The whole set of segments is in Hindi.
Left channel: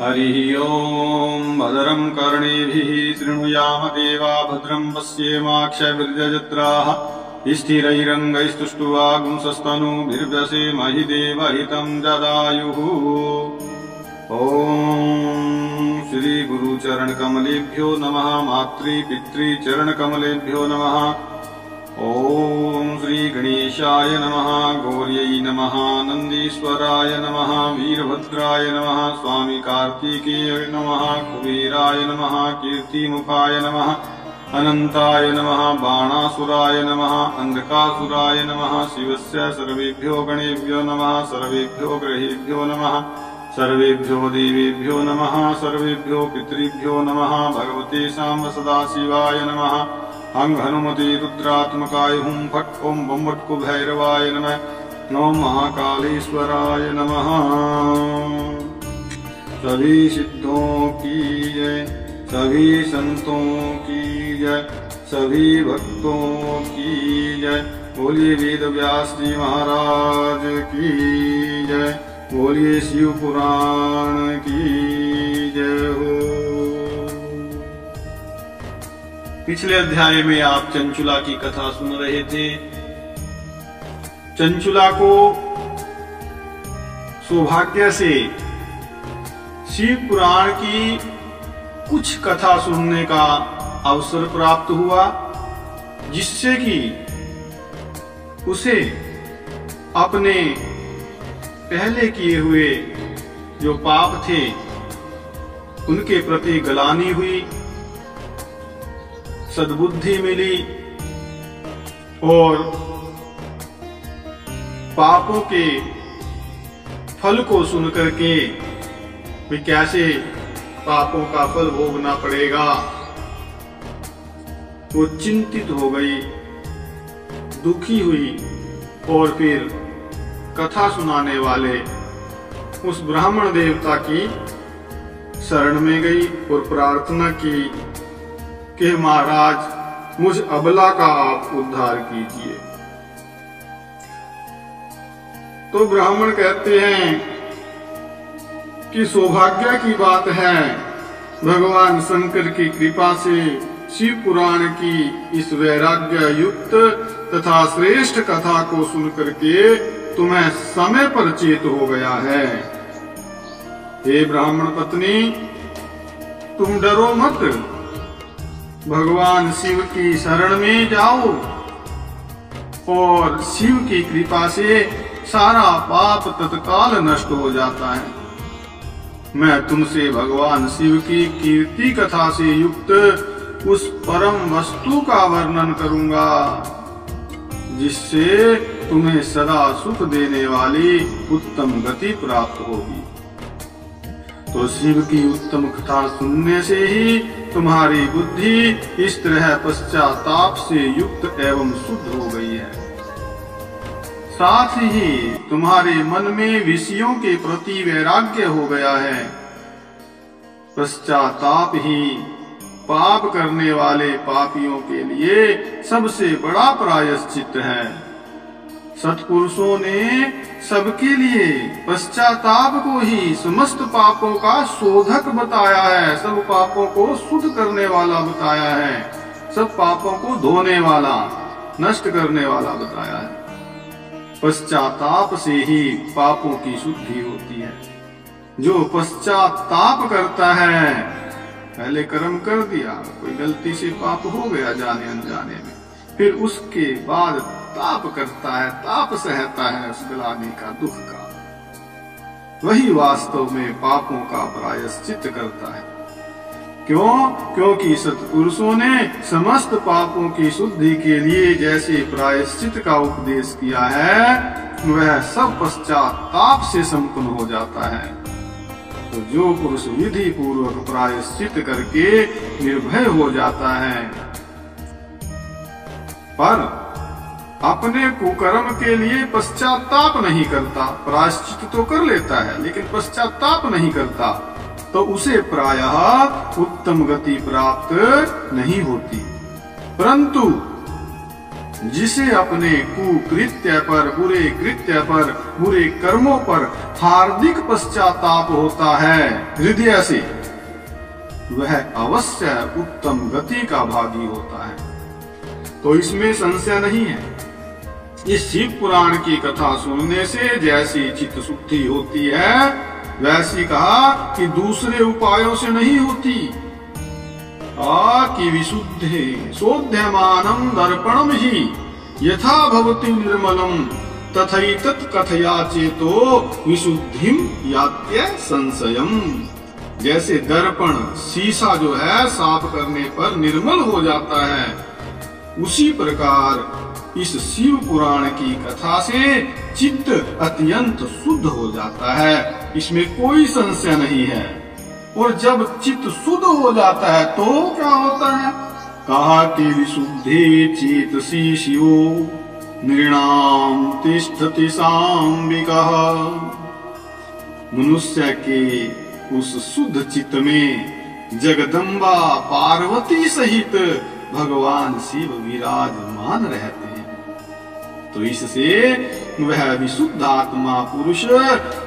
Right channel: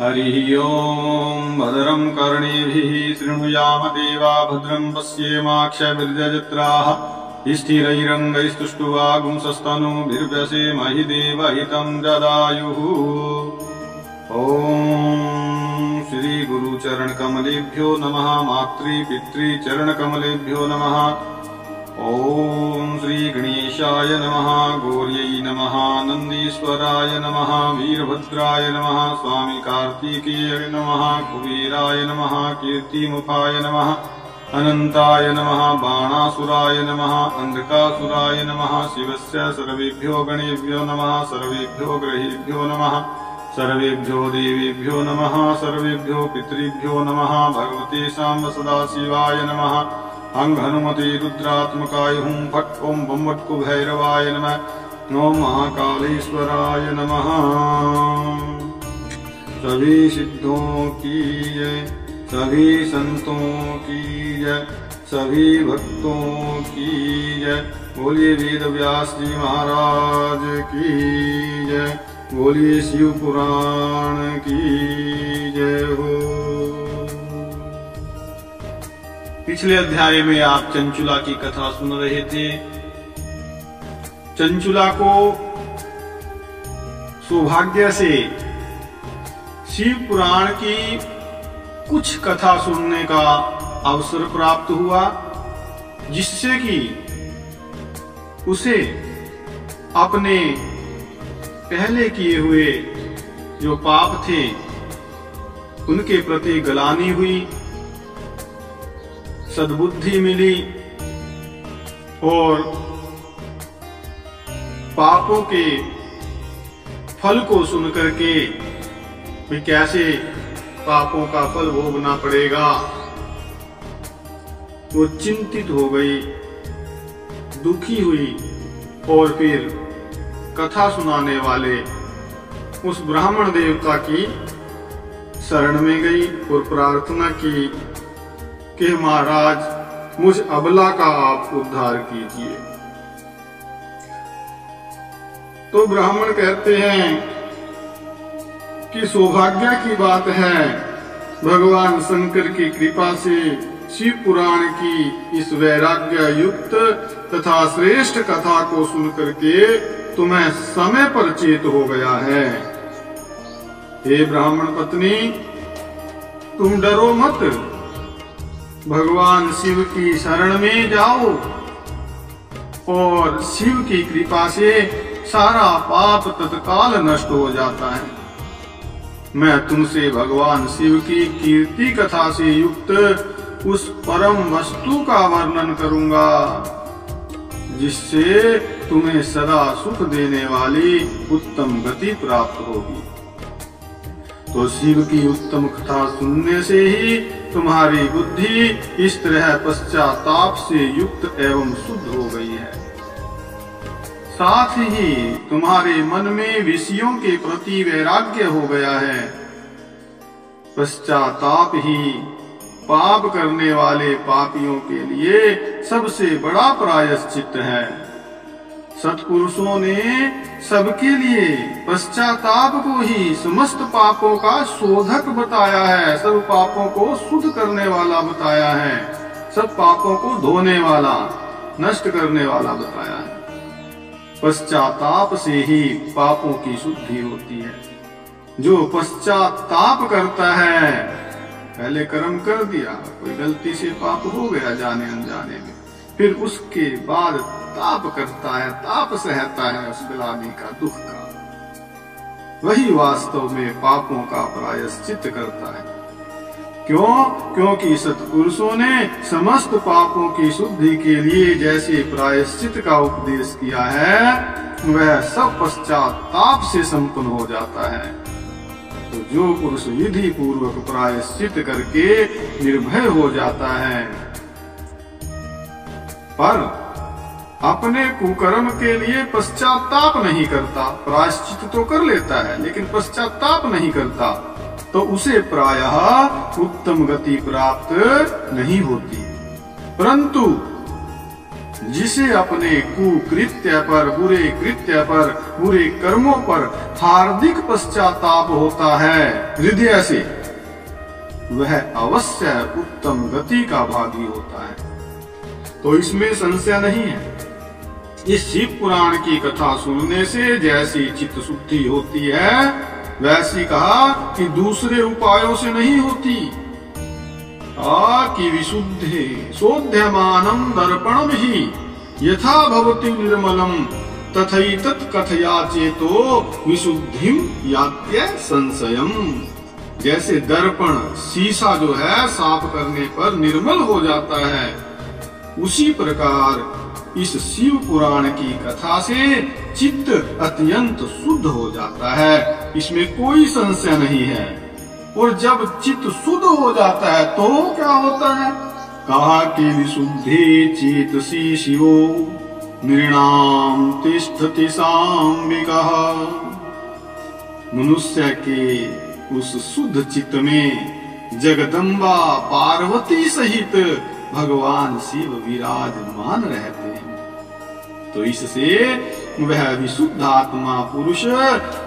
हरिः ओम् भद्रं कर्णेभिः शृणुयाम देवा भद्रं पश्येमाक्षभिर्यजत्राः स्थिरैरङ्गैस्तुष्ट्वागुंसस्तनूभिर्व्यसेमहि देवहितं जदायुः। ॐ श्री गुरुचरणकमलेभ्यो नमः। मातृपितृचरणकमलेभ्यो नमः। ॐ श्री गणेशाय नमः। गौर्यै नमः। नन्दीश्वराय नमः। वीरभद्राय नमः। स्वामी कार्तिकेय नमः। कुबेराय नमः। कीर्तिमुखाय नमः। अनंताय नमः। बाणासुराय नमः। अंधकासुराय नमः। शिवस्य सर्वेभ्यो गणेभ्यो नमः। सर्वेभ्यो ग्रहेभ्यो नमः। सर्वेभ्यो देवेभ्यो नमः। सर्वेभ्यो पितृभ्यो नमः। भगवते सांब सदाशिवाय नमः। हं हनुमते रुद्रात्मकाय हुं फट् ओं बं वट् भैरवाय नमः। ओं महाकालेश्वराय नमः। सभी सिद्धों की जय, सभी संतों की जय, सभी भक्तों की जय। बोलिए वेद व्यास जी महाराज की जय। बोलिए शिव पुराण की जय हो। पिछले अध्याय में आप चंचुला की कथा सुन रहे थे। चंचुला को सौभाग्य से शिव पुराण की कुछ कथा सुनने का अवसर प्राप्त हुआ, जिससे कि उसे अपने पहले किए हुए जो पाप थे उनके प्रति ग्लानि हुई, सद्बुद्धि मिली और पापों के फल को सुनकर के भी कैसे पापों का फल भोगना पड़ेगा, वो चिंतित हो गई, दुखी हुई और फिर कथा सुनाने वाले उस ब्राह्मण देवता की शरण में गई और प्रार्थना की कि महाराज मुझ अबला का आप उद्धार कीजिए। तो ब्राह्मण कहते हैं कि सौभाग्य की बात है, भगवान शंकर की कृपा से शिव पुराण की इस वैराग्य युक्त तथा श्रेष्ठ कथा को सुनकर के तुम्हें समय पर चेत हो गया है। हे ब्राह्मण पत्नी, तुम डरो मत, भगवान शिव की शरण में जाओ और शिव की कृपा से सारा पाप तत्काल नष्ट हो जाता है। मैं तुमसे भगवान शिव की कीर्ति कथा से युक्त उस परम वस्तु का वर्णन करूंगा, जिससे तुम्हें सदा सुख देने वाली उत्तम गति प्राप्त होगी। तो शिव की उत्तम कथा सुनने से ही तुम्हारी बुद्धि इस तरह पश्चाताप से युक्त एवं शुद्ध हो गई है। साथ ही तुम्हारे मन में विषयों के प्रति वैराग्य हो गया है। पश्चाताप ही पाप करने वाले पापियों के लिए सबसे बड़ा प्रायश्चित है। सत्पुरुषों ने सबके लिए पश्चाताप को ही समस्त पापों का शोधक बताया है, सब पापों को शुद्ध करने वाला बताया है, सब पापों को धोने वाला, नष्ट करने वाला बताया है। पश्चाताप से ही पापों की शुद्धि होती है। जो पश्चाताप करता है, पहले कर्म कर दिया, कोई गलती से पाप हो गया जाने अनजाने में, फिर उसके बाद ताप करता है, ताप सहता है उस ग्लानि का, दुख का, वही वास्तव में पापों का प्रायश्चित करता है। क्यों? क्योंकि सत्पुरुषों ने समस्त पापों की शुद्धि के लिए जैसे प्रायश्चित का उपदेश किया है, वह सब पश्चाताप से संपन्न हो जाता है। तो जो पुरुष विधि पूर्वक प्रायश्चित करके निर्भय हो जाता है, पर अपने कुकर्म के लिए पश्चाताप नहीं करता, प्रायश्चित तो कर लेता है लेकिन पश्चाताप नहीं करता, तो उसे प्रायः उत्तम गति प्राप्त नहीं होती। परंतु जिसे अपने कुकृत्य पर, बुरे कृत्य पर, बुरे कर्मों पर हार्दिक पश्चाताप होता है हृदय से, वह अवश्य उत्तम गति का भागी होता है। तो इसमें संशय नहीं है। इस शिव पुराण की कथा सुनने से जैसी चित्त शुद्धि होती है, वैसी कहा कि दूसरे उपायों से नहीं होती। कि विशुद्धे शोध्यमानं दर्पणम ही यथा भवति निर्मलम तथैतत् कथया चेतो विशुद्धिम यात्य संशयम। जैसे दर्पण शीशा जो है साफ करने पर निर्मल हो जाता है, उसी प्रकार इस शिव पुराण की कथा से चित्त अत्यंत शुद्ध हो जाता है, इसमें कोई संशय नहीं है। और जब चित्त शुद्ध हो जाता है तो क्या होता है? कहा कि विशुद्धि चेतसि शिवो नृणाम तिष्ठति साम्बिकः। मनुष्य के उस शुद्ध चित्त में जगदम्बा पार्वती सहित भगवान शिव विराजमान रहते हैं। तो इससे वह विशुद्ध आत्मा पुरुष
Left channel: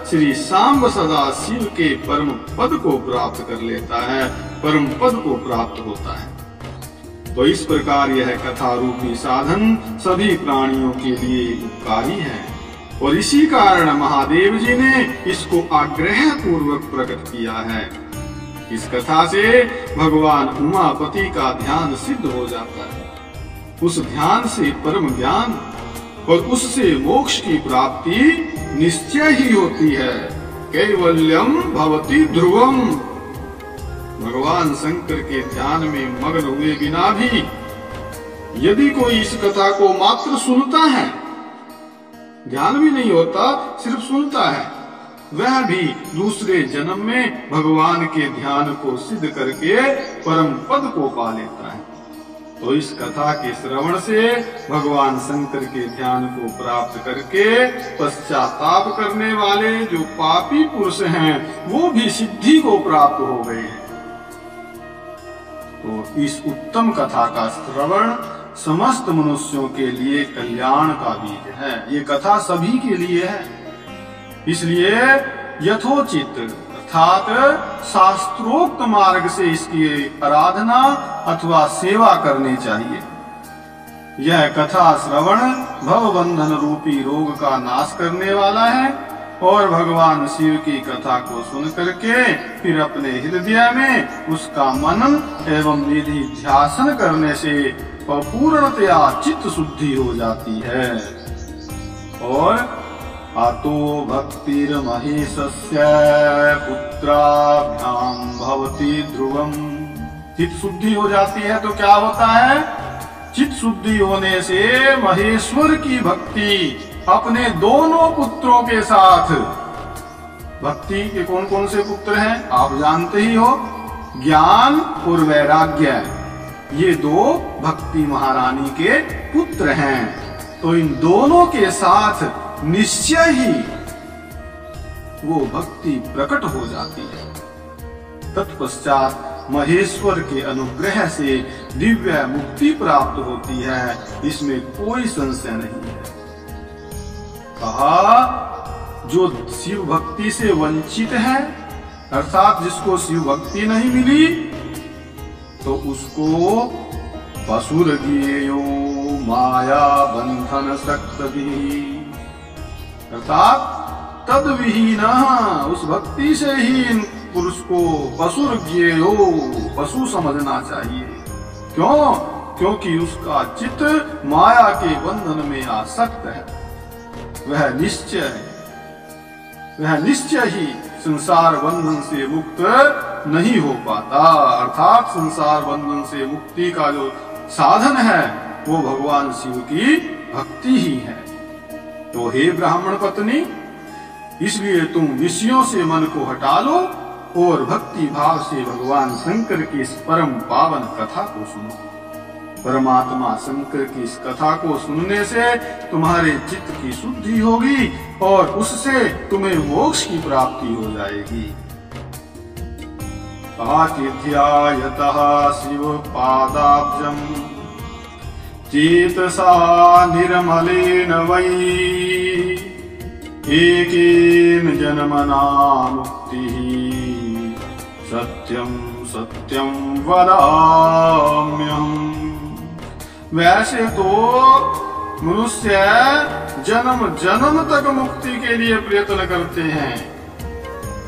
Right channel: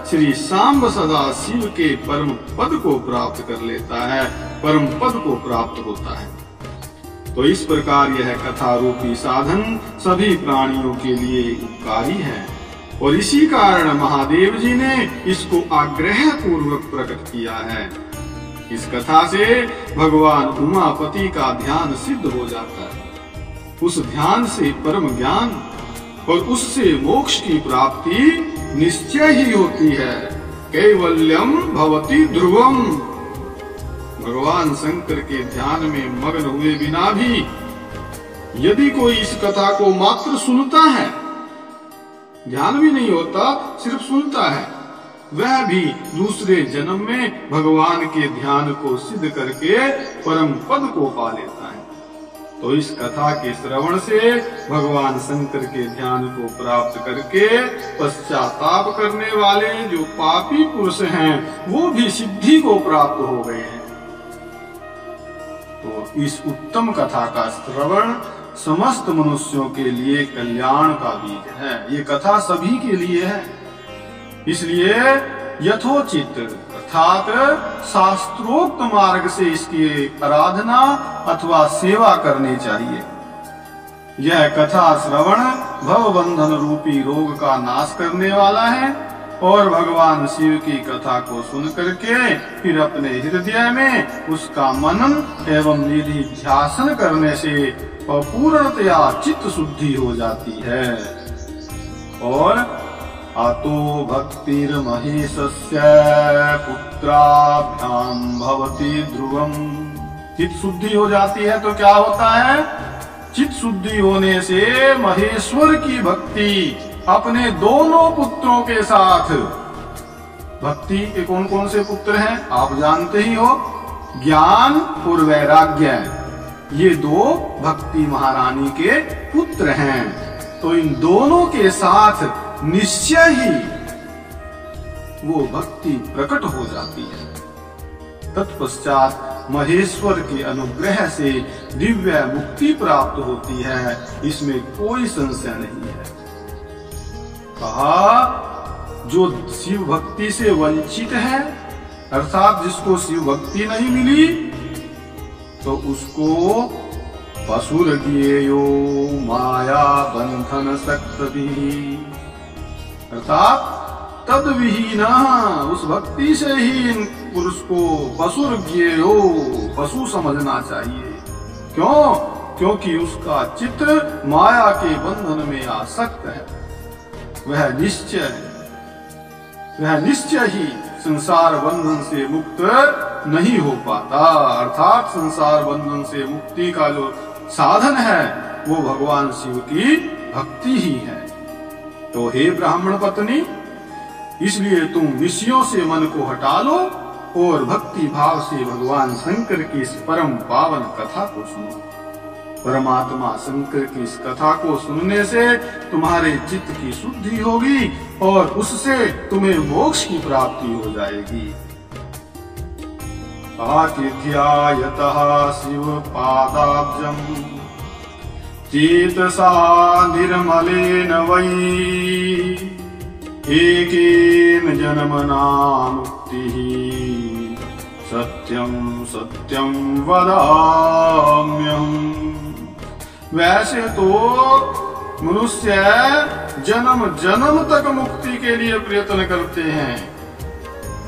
श्री सांब सदा शिव के परम पद को प्राप्त कर लेता है, परम पद को प्राप्त होता है। तो इस प्रकार यह कथा रूपी साधन सभी प्राणियों के लिए उपकारी है, और इसी कारण महादेव जी ने इसको आग्रह पूर्वक प्रकट किया है। इस कथा से भगवान उमापति का ध्यान सिद्ध हो जाता है, उस ध्यान से परम ज्ञान और उससे मोक्ष की प्राप्ति निश्चय ही होती है। कैवल्यम भवति ध्रुवम। भगवान शंकर के ध्यान में मग्न हुए बिना भी यदि कोई इस कथा को मात्र सुनता है, ध्यान भी नहीं होता, सिर्फ सुनता है, वह भी दूसरे जन्म में भगवान के ध्यान को सिद्ध करके परम पद को पा लेता है। तो इस कथा के श्रवण से भगवान शंकर के ध्यान को प्राप्त करके पश्चाताप करने वाले जो पापी पुरुष हैं, वो भी सिद्धि को प्राप्त हो गए हैं। तो इस उत्तम कथा का श्रवण समस्त मनुष्यों के लिए कल्याण का बीज है। ये कथा सभी के लिए है, इसलिए यथोचित अर्थात शास्त्रोक्त मार्ग से इसकी आराधना अथवा सेवा करनी चाहिए। यह कथा श्रवण भव बंधन रूपी रोग का नाश करने वाला है, और भगवान शिव की कथा को सुन करके फिर अपने हृदय में उसका मनन एवं निधि ध्यासन करने से पूर्णतया चित्त शुद्धि हो जाती है। और अतो भक्तिर्महेशस्य पुत्राभ्याम भवति ध्रुवम। चित्त शुद्धि हो जाती है तो क्या होता है? चित्त शुद्धि होने से महेश्वर की भक्ति अपने दोनों पुत्रों के साथ, भक्ति के कौन कौन से पुत्र हैं आप जानते ही हो, ज्ञान और वैराग्य, ये दो भक्ति महारानी के पुत्र हैं। तो इन दोनों के साथ निश्चय ही वो भक्ति प्रकट हो जाती है। तत्पश्चात महेश्वर के अनुग्रह से दिव्य मुक्ति प्राप्त होती है, इसमें कोई संशय नहीं है। कहा जो शिव भक्ति से वंचित है, अर्थात जिसको शिव भक्ति नहीं मिली, तो उसको पशुर्ज्ञेयो माया बंधन सक्तभिः, अर्थात तद विहीन, उस भक्ति से ही इन पुरुष को पशुर्ज्ञेयो, पशु समझना चाहिए। क्यों? क्योंकि उसका चित्त माया के बंधन में आसक्त है। वह निश्चय ही संसार बंधन से मुक्त नहीं हो पाता। अर्थात संसार बंधन से मुक्ति का जो साधन है वो भगवान शिव की भक्ति ही है। तो हे ब्राह्मण पत्नी, इसलिए तुम विषयों से मन को हटा लो और भक्ति भाव से भगवान शंकर की इस परम पावन कथा को सुनो। परमात्मा शंकर की इस कथा को सुनने से तुम्हारे चित्त की शुद्धि होगी और उससे तुम्हें मोक्ष की प्राप्ति हो जाएगी। आतिथ्यायतः शिव पादाब्जम चेतसा निर्मलेन वै एकेन जन्मना मुक्तिः सत्यं सत्यं वदाम्यहम्। वैसे तो मनुष्य जन्म जन्म तक मुक्ति के लिए प्रयत्न करते हैं,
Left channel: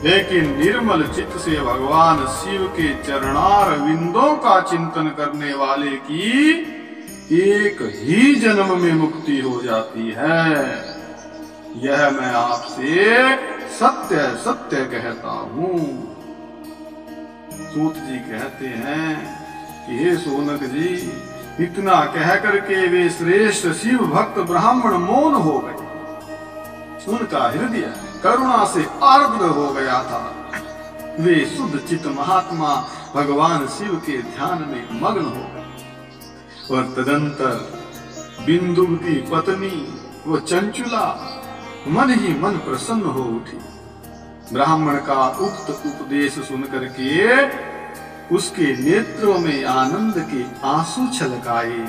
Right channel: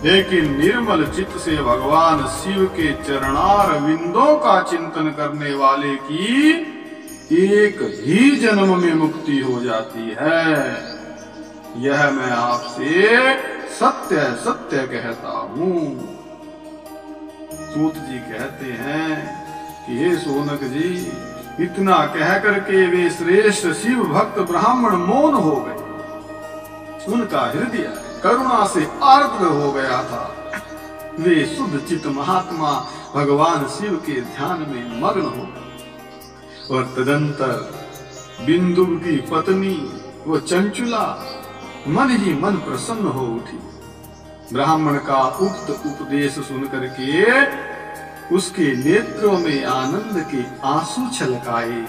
लेकिन निर्मल चित्त से भगवान शिव के चरणार विंदों का चिंतन करने वाले की एक ही जन्म में मुक्ति हो जाती है। यह मैं आपसे सत्य सत्य कहता हूँ। सूत जी कहते हैं कि हे शौनक जी, इतना कह करके वे श्रेष्ठ शिव भक्त ब्राह्मण मौन हो गए। उनका हृदय करुणा से आर्द्र हो गया था। वे शुद्ध चित्त महात्मा भगवान शिव के ध्यान में मग्न हो गए। और तदंतर बिंदु की पत्नी वो चंचुला मन ही मन प्रसन्न हो उठी। ब्राह्मण का उक्त उपदेश सुनकर के उसके नेत्रों में आनंद के आंसू छलकाए।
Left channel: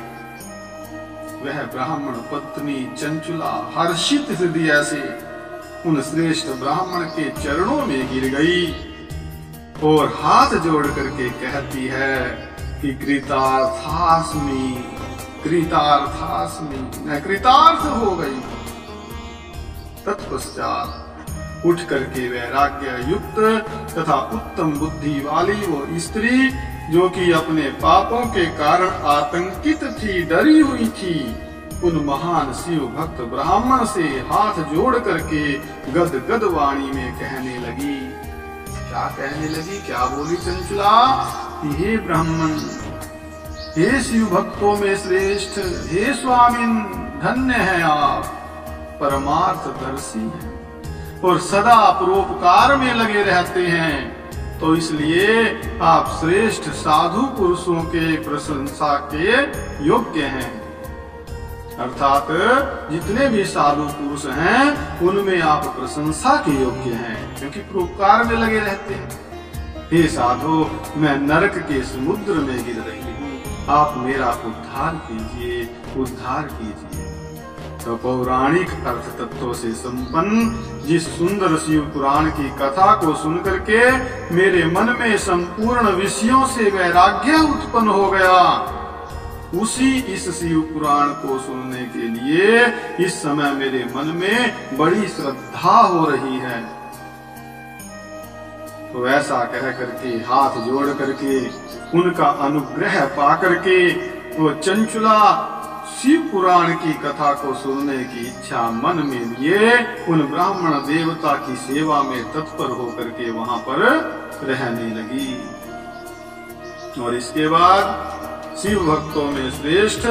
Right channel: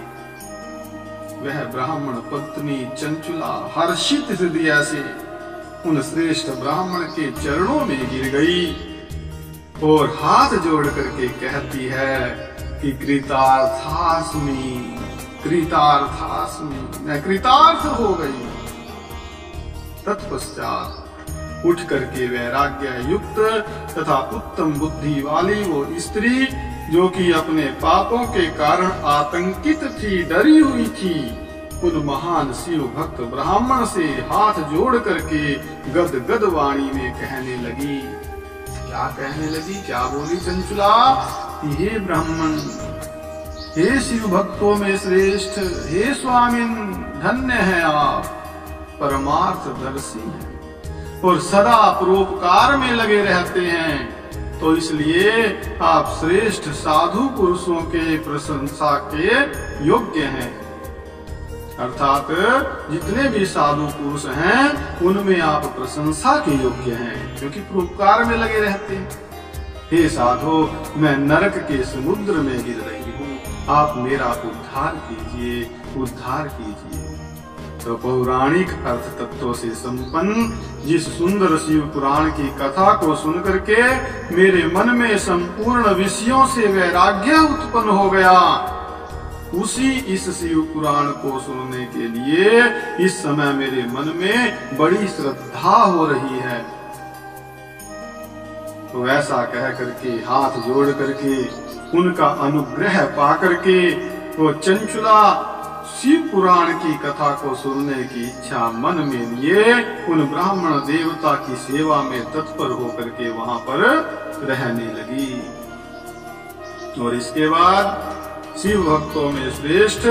वह ब्राह्मण पत्नी चंचुला हर्षित हृदय से उन श्रेष्ठ ब्राह्मण के चरणों में गिर गई और हाथ जोड़ करके कहती है कि कृतार्थास्मि कृतार्थास्मि, मैं कृतार्थ हो गई। तत्पश्चात उठ करके वैराग्य युक्त तथा उत्तम बुद्धि वाली वो स्त्री, जो कि अपने पापों के कारण आतंकित थी, डरी हुई थी, उन महान शिव भक्त ब्राह्मण से हाथ जोड़ करके गद गद वाणी में कहने लगी। क्या कहने लगी? क्या बोली चंचुला? हे ब्राह्मण, हे शिव भक्तों में श्रेष्ठ, हे स्वामिन, धन्य है आप, परमार्थ दर्शी हैं और सदा परोपकार में लगे रहते हैं, तो इसलिए आप श्रेष्ठ साधु पुरुषों के प्रशंसा के योग्य हैं। अर्थात जितने भी साधु पुरुष हैं उनमें आप प्रशंसा के योग्य हैं, क्योंकि परोपकार में लगे रहते हैं। हे साधु, मैं नरक के समुद्र में गिर रही हूँ, आप मेरा उद्धार कीजिए, उद्धार कीजिए। तो पौराणिक अर्थ तत्वों से संपन्न जिस सुंदर शिव पुराण की कथा को सुनकर के मेरे मन में संपूर्ण विषयों से वैराग्य उत्पन्न हो गया, उसी इस शिव पुराण को सुनने के लिए इस समय मेरे मन में बड़ी श्रद्धा हो रही है। तो ऐसा कह करके हाथ जोड़ करके उनका अनुग्रह पा करके वो चंचुला शिव पुराण की कथा को सुनने की इच्छा मन में लिए उन ब्राह्मण देवता की सेवा में तत्पर होकर के वहां पर रहने लगी। और इसके बाद शिव भक्तों में श्रेष्ठ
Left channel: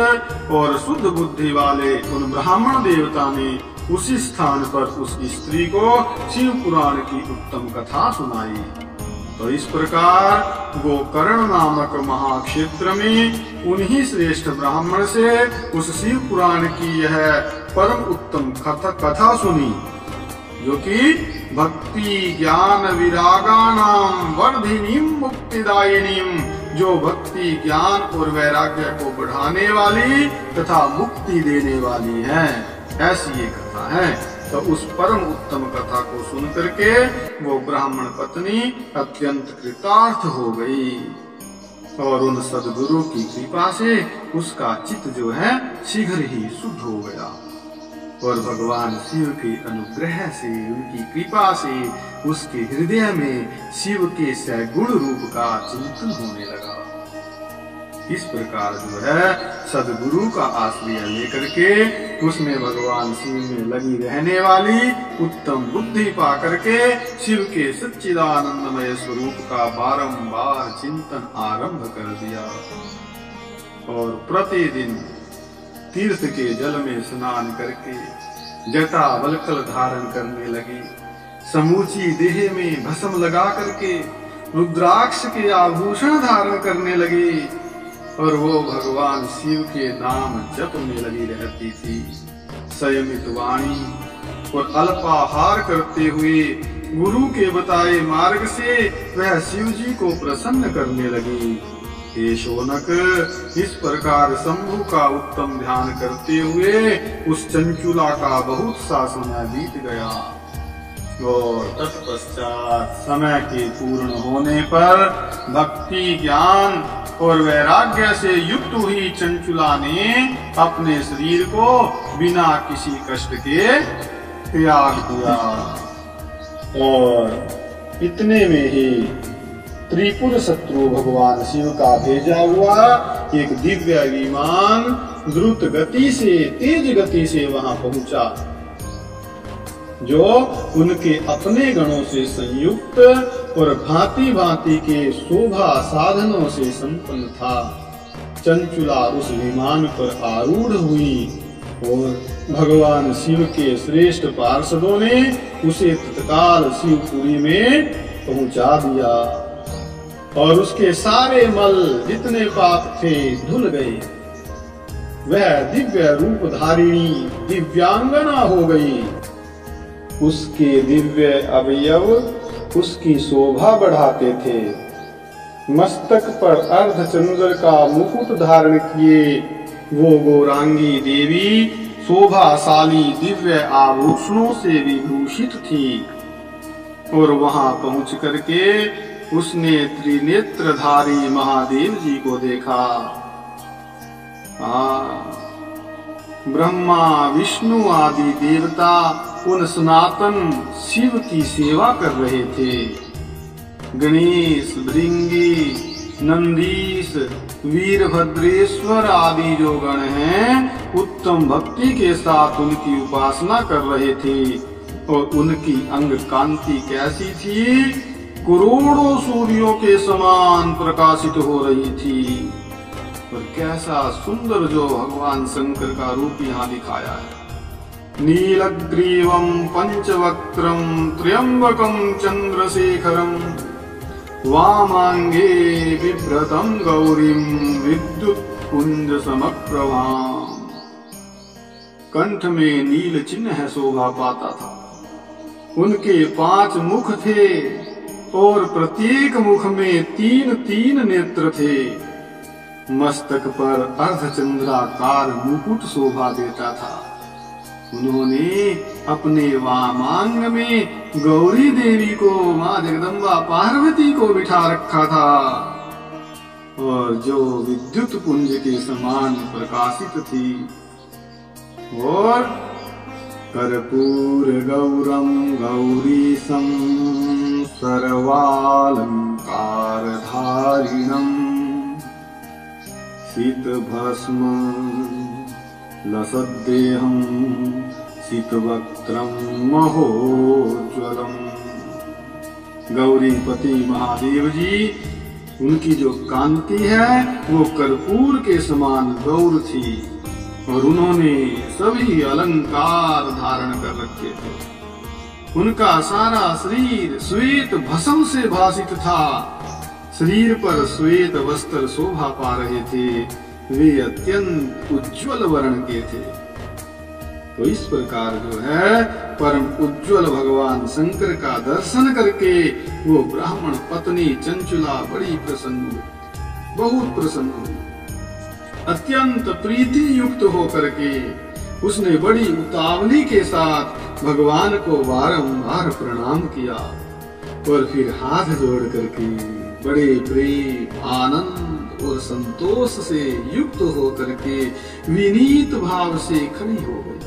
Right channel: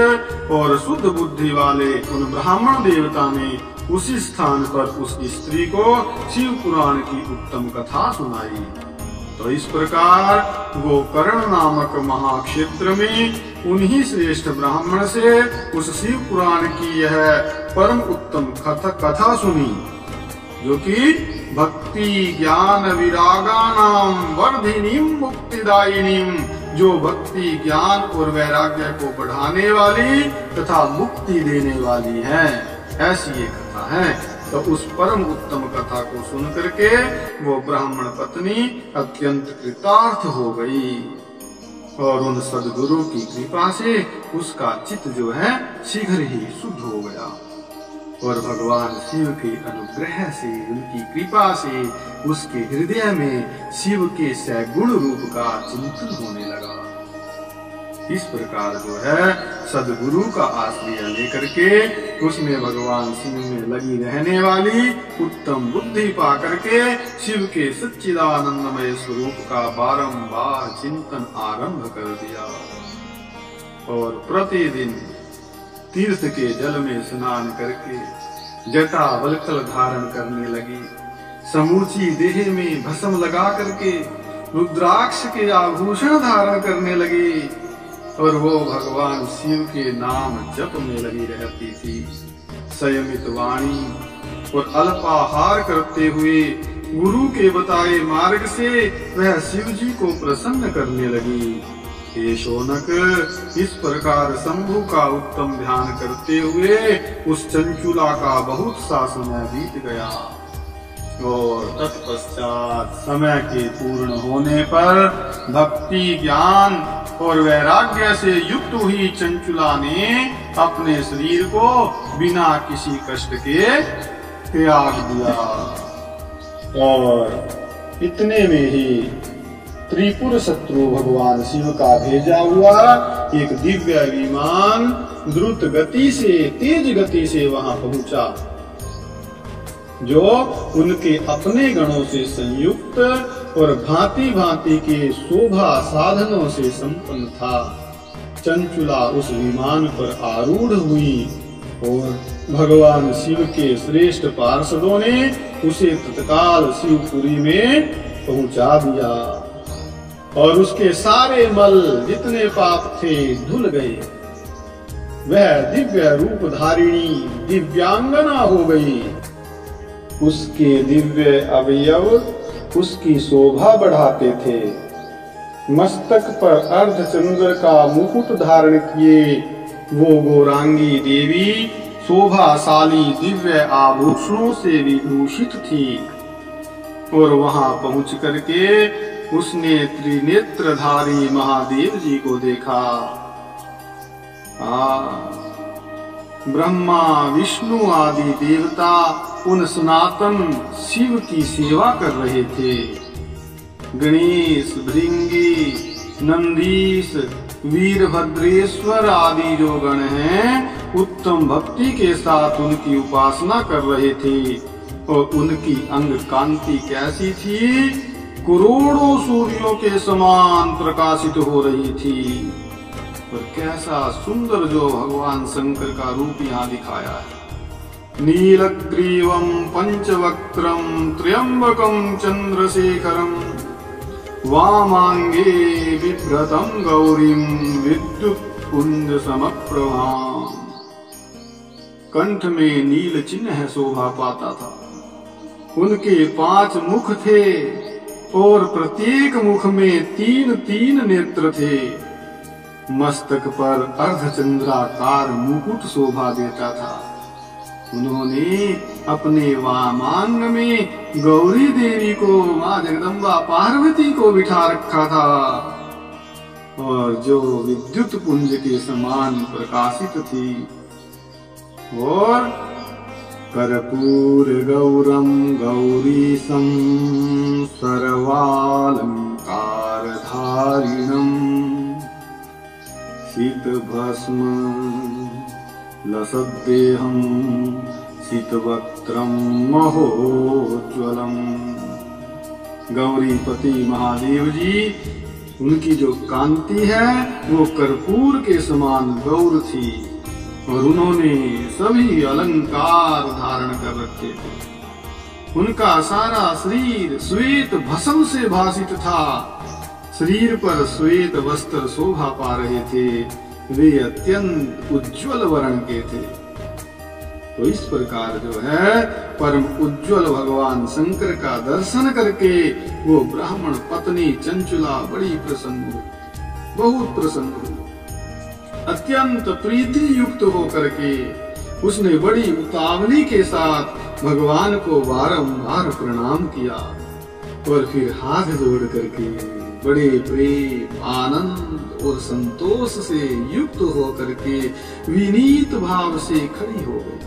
और शुद्ध बुद्धि वाले उन ब्राह्मण देवता ने उसी स्थान पर उस स्त्री को शिव पुराण की उत्तम कथा सुनाई। तो इस प्रकार गोकर्ण नामक महाक्षेत्र में उन्हीं श्रेष्ठ ब्राह्मण से उस शिव पुराण की यह परम उत्तम कथा सुनी, जो कि भक्ति ज्ञान विरागानाम वर्धिनीम मुक्तिदायिनीम, जो भक्ति ज्ञान और वैराग्य को बढ़ाने वाली तथा मुक्ति देने वाली है, ऐसी ये कथा है। तो उस परम उत्तम कथा को सुन करके वो ब्राह्मण पत्नी अत्यंत कृतार्थ हो गई और उन सद्गुरु की कृपा से उसका चित्त जो है शीघ्र ही शुद्ध हो गया और भगवान शिव के अनुग्रह से, उनकी कृपा से उसके हृदय में शिव के सगुण रूप का चिंतन होने लगा। इस प्रकार जो है सद्गुरु का आश्रय लेकर के उसने भगवान शिव में लगी रहने वाली उत्तम बुद्धि पा करके शिव के सच्चिदानंदमय स्वरूप का बारंबार चिंतन आरंभ कर दिया और प्रतिदिन तीर्थ के जल में स्नान करके जटा वल्कल धारण करने लगी। समूची देह में भस्म लगा करके रुद्राक्ष के आभूषण धारण करने लगी और वो भगवान शिव के नाम जप में लगी रहती थी। संयमित वाणी और अल्पाहार करते हुए गुरु के बताए मार्ग से वह शिव जी को प्रसन्न करने लगी हे शौनक, इस प्रकार शंभु का उत्तम ध्यान करते हुए उस चंचुला का बहुत सा समय बीत गया और तत्पश्चात समय के पूर्ण होने पर भक्ति, ज्ञान और वैराग्य से युक्त हुई चंचुला ने अपने शरीर को बिना किसी कष्ट के त्याग दिया। और इतने में ही त्रिपुर शत्रु भगवान शिव का भेजा हुआ एक दिव्य विमान द्रुत गति से, तेज गति से वहां पहुंचा, जो उनके अपने गणों से संयुक्त और भांति भांति के शोभा साधनों से संपन्न था। चंचुला उस विमान पर आरूढ़ हुई और भगवान शिव के श्रेष्ठ पार्षदों ने उसे तत्काल शिवपुरी में पहुंचा दिया और उसके सारे मल जितने पाप थे धुल गए। वह दिव्य रूप धारिणी दिव्यांगना हो गई। उसके दिव्य अवयव उसकी शोभा बढ़ाते थे। मस्तक पर अर्धचंद्र का मुकुट धारण किए वो गौरांगी देवी शोभाशाली दिव्य आभूषणों से विभूषित थी और वहां पहुंच करके उसने त्रिनेत्रधारी महादेव जी को देखा। ब्रह्मा, विष्णु आदि देवता उन सनातन शिव की सेवा कर रहे थे। गणेश, भृंगी, नंदीश, वीरभद्रेश्वर आदि जो गण हैं उत्तम भक्ति के साथ उनकी उपासना कर रहे थे और उनकी अंग कांति कैसी थी, करोड़ों सूर्यों के समान प्रकाशित हो रही थी। और कैसा सुंदर जो भगवान शंकर का रूप यहाँ दिखाया है। नीलग्रीवं पंचवक्त्रं त्र्यंबकं चंद्रशेखरं वामांगे बिभ्रतं गौरीं विद्युत्पुंज समप्रभां। कंठ में नील चिन्ह शोभा पाता था। उनके 5 मुख थे और प्रत्येक मुख में 3-3 नेत्र थे। मस्तक पर अर्धचंद्राकार मुकुट शोभा देता था। उन्होंने अपने वामांग में गौरी देवी को, मां जगदम्बा पार्वती को बिठा रखा था और जो विद्युत पुंज के समान प्रकाशित थी। और कर्पूर गौरम गौरीशं सर्वालंकार धारिणम शीतभस्म लसद्देहं शीतवक्त्रं महोज्ज्वलम्। गौरीपति महादेव जी, उनकी जो कांति है वो कर्पूर के समान गौर थी और उन्होंने सभी अलंकार धारण कर रखे थे। उनका सारा शरीर श्वेत भस्म से भासित था। शरीर पर श्वेत वस्त्र शोभा पा रहे थे। वे अत्यंत उज्ज्वल वर्ण के थे। तो इस प्रकार जो है परम उज्ज्वल भगवान शंकर का दर्शन करके वो ब्राह्मण पत्नी चंचुला बड़ी प्रसन्न हुई, बहुत प्रसन्न हुई। अत्यंत प्रीति युक्त होकर के उसने बड़ी उतावली के साथ भगवान को बारंबार प्रणाम किया और फिर हाथ जोड़ करके बड़े प्रेम, आनंद और संतोष से युक्त होकर के विनीत भाव से खड़ी हो गई।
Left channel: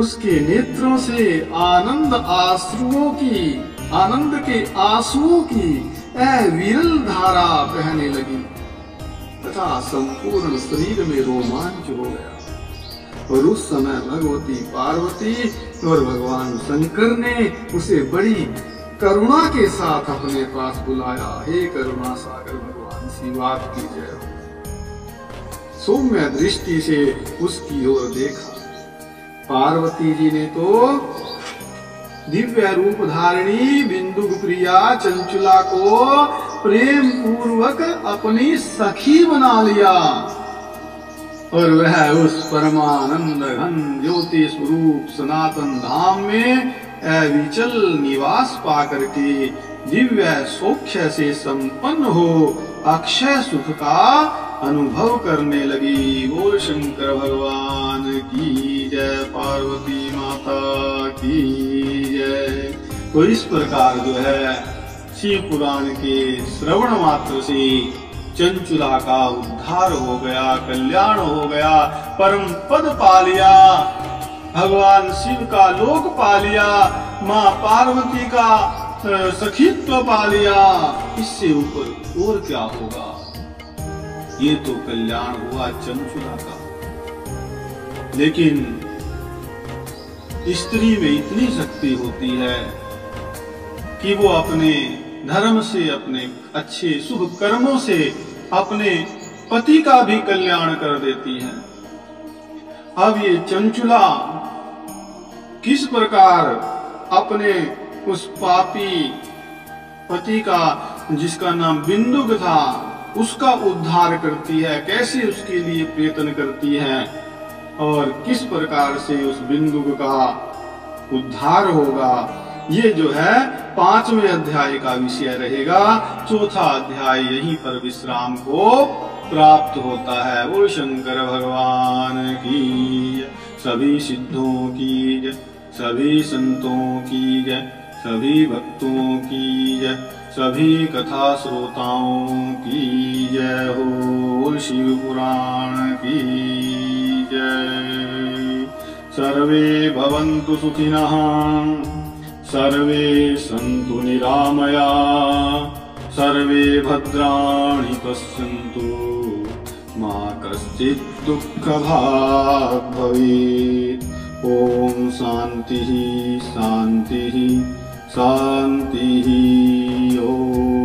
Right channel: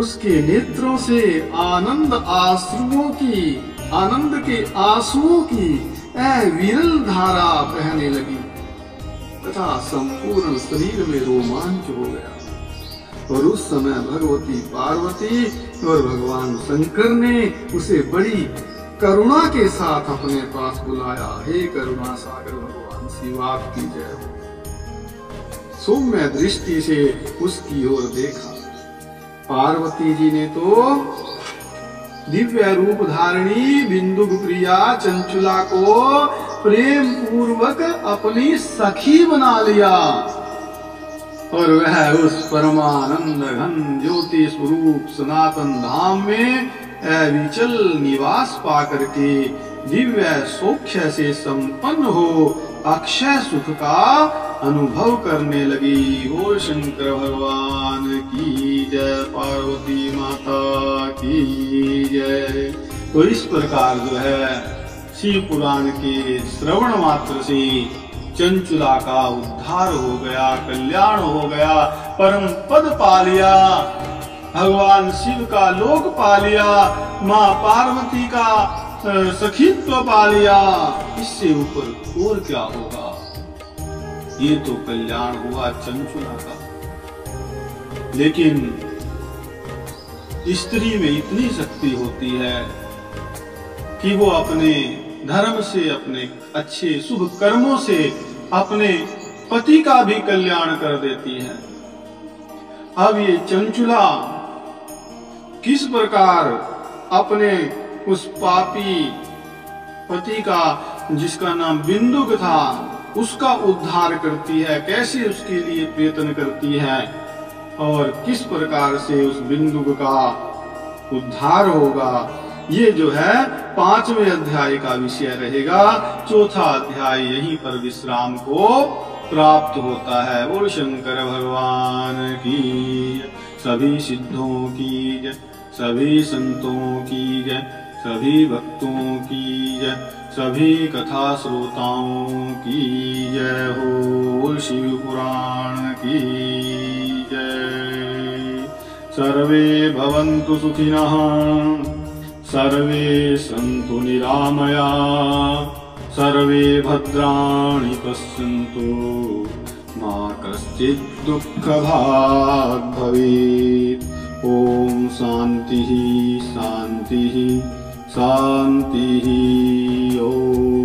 उसके नेत्रों से आनंद के आंसुओं की अविरल धारा बहने लगी तथा संपूर्ण शरीर में रोमांच हो गया। और उस समय भगवती पार्वती और भगवान शंकर ने उसे बड़ी करुणा के साथ अपने पास बुलाया। हे करुणा सागर भगवान शिव, आपकी जय हो। सौम्य दृष्टि से उसकी ओर देखा। पार्वती जी ने तो दिव्य रूप धारिणी बिंदु प्रिया चंचुला को प्रेम पूर्वक अपनी सखी बना लिया और वह उस परमानंद घन ज्योति स्वरूप सनातन धाम में अविचल निवास पा करके दिव्य सौख्य से संपन्न हो अक्षय सुख का अनुभव करने लगी। बोल शंकर भगवान की जय, पार्वती माता की जय। तो इस प्रकार जो है शिव पुराण के श्रवण मात्र से चंचुला का उद्धार हो गया, कल्याण हो गया, परम पद पा लिया, भगवान शिव का लोक पा लिया, माँ पार्वती का सखीत्व पा लिया। इससे ऊपर और क्या होगा? ये तो कल्याण हुआ चंचुला का। लेकिन स्त्री में इतनी शक्ति होती है कि वो अपने धर्म से, अपने अच्छे शुभ कर्मों से अपने पति का भी कल्याण कर देती है। अब ये चंचुला किस प्रकार अपने उस पापी पति का, जिसका नाम बिंदुक था, उसका उद्धार करती है, कैसे उसके लिए प्रयत्न करती है और किस प्रकार से उस बिंदुक का उद्धार होगा, ये जो है 5वें अध्याय का विषय रहेगा। चौथा अध्याय यहीं पर विश्राम को प्राप्त होता है। बोल शंकर भगवान की, सभी सिद्धों की जय, सभी संतों की जय, सभी भक्तों की जय, सभी कथा श्रोताओं की जय हो। शिव पुराण की जय। सर्वे भवन्तु सुखिनः, सर्वे सन्तु निरामया, सर्वे भद्राणि पश्यन्तु, मा कश्चित् दुःखभाग् भवेत्। ओम शांति शांति शांति। ओम।